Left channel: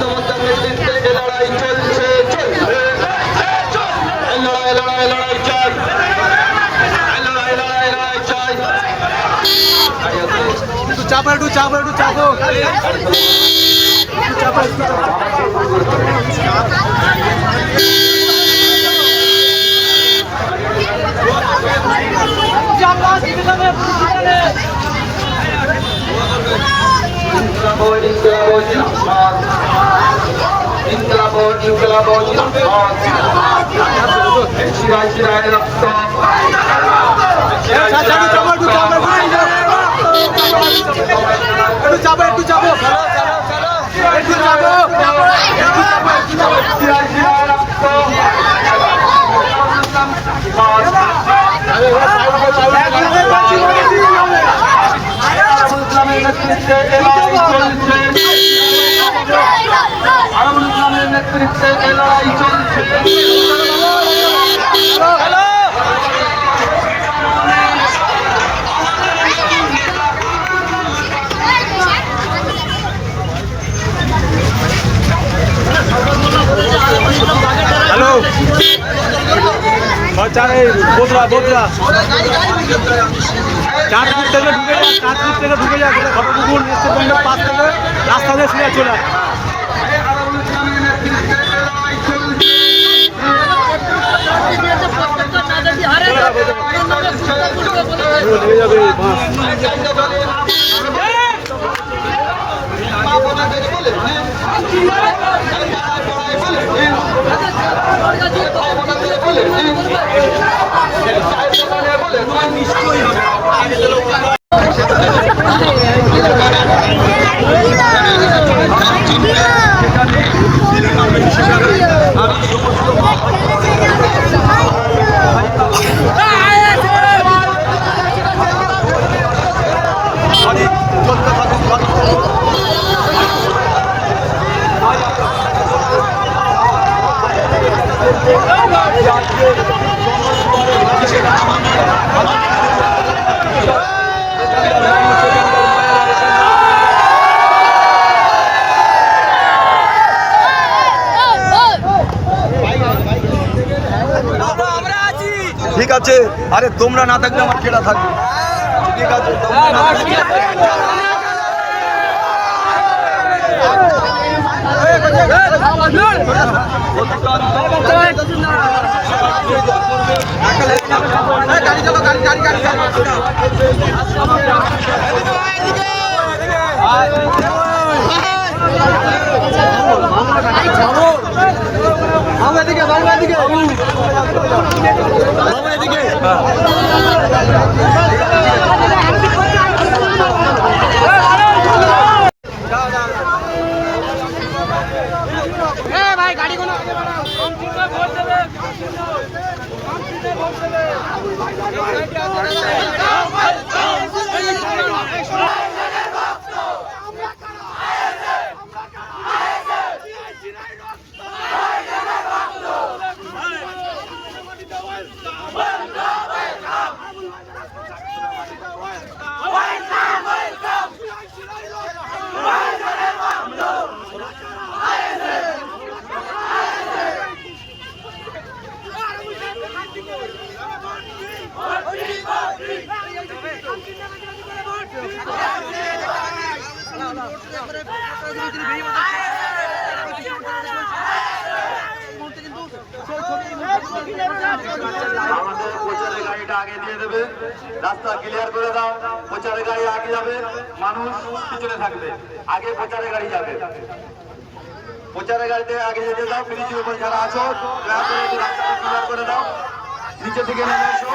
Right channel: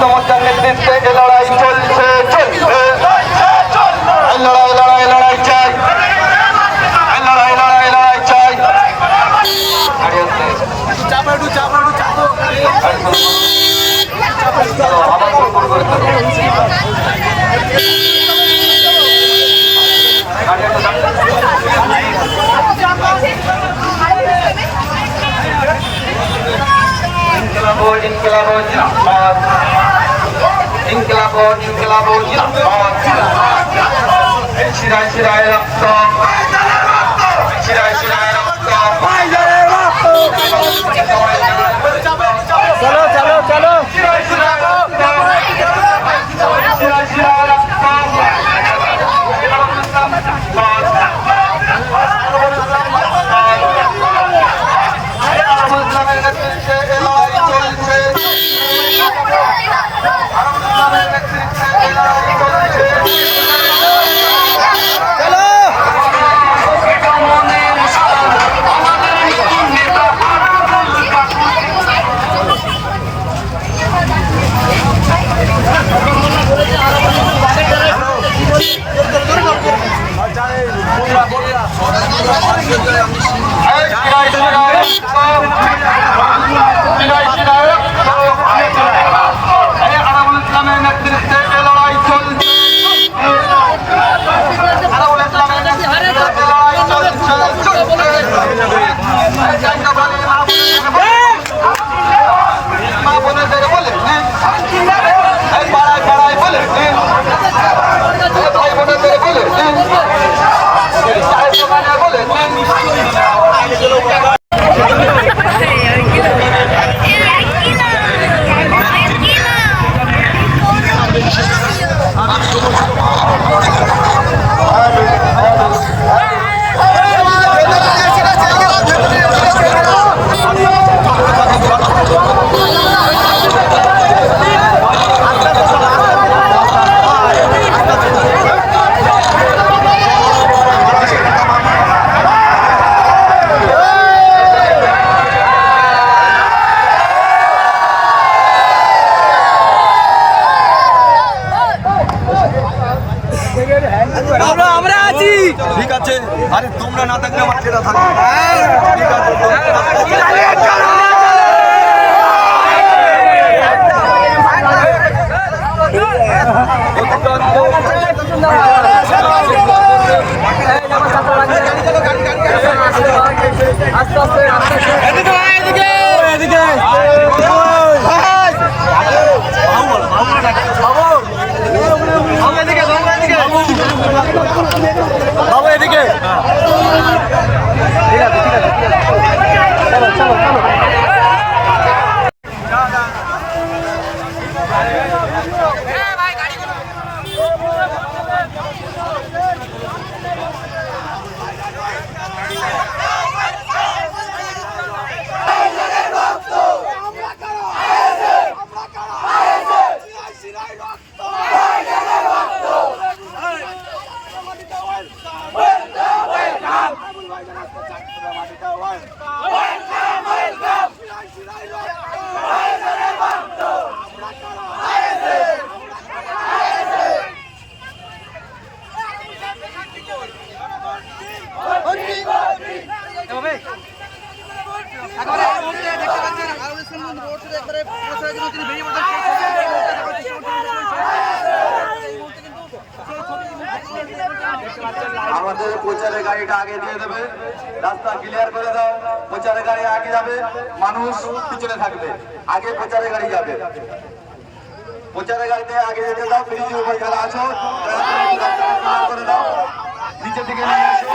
সমস্যার নেতৃত্বে এ লড়াই চলছে চলবে লড়াই লড়াই লড়াই চাই লড়াই লড়াই লড়াই চাই আবার ভুল করে ইনকিলাব জিন্দাবাদ ইনকিলাব জিন্দাবাদ শিরায় শিরায় রক্ত শিরায় শিরায় রক্ত শিরায় শিরায় রক্ত নেতৃত্বে লড়াই চলছে ঠিক আছে আরে তোমরা না থাকলে আমার কেটা থাকবে ঠিক আছে বাবু এদিকে প্রচারের গাড়িটা আগে দিয়ে দেবে, রাস্তা ক্লিয়ার করে দাও। প্রচারের গাড়ি আগে যাবে, মানুষ পিছনে থাকবে। আগে প্রচারের গাড়ি যাবে, প্রচারের গাড়িতে আগে যেতে দাও। ব্রিজের উপর যারা আছো দয়া করে একটু রাস্তাটা ক্লিয়ার করে দাও, নিচের দিকে নেমে এসো।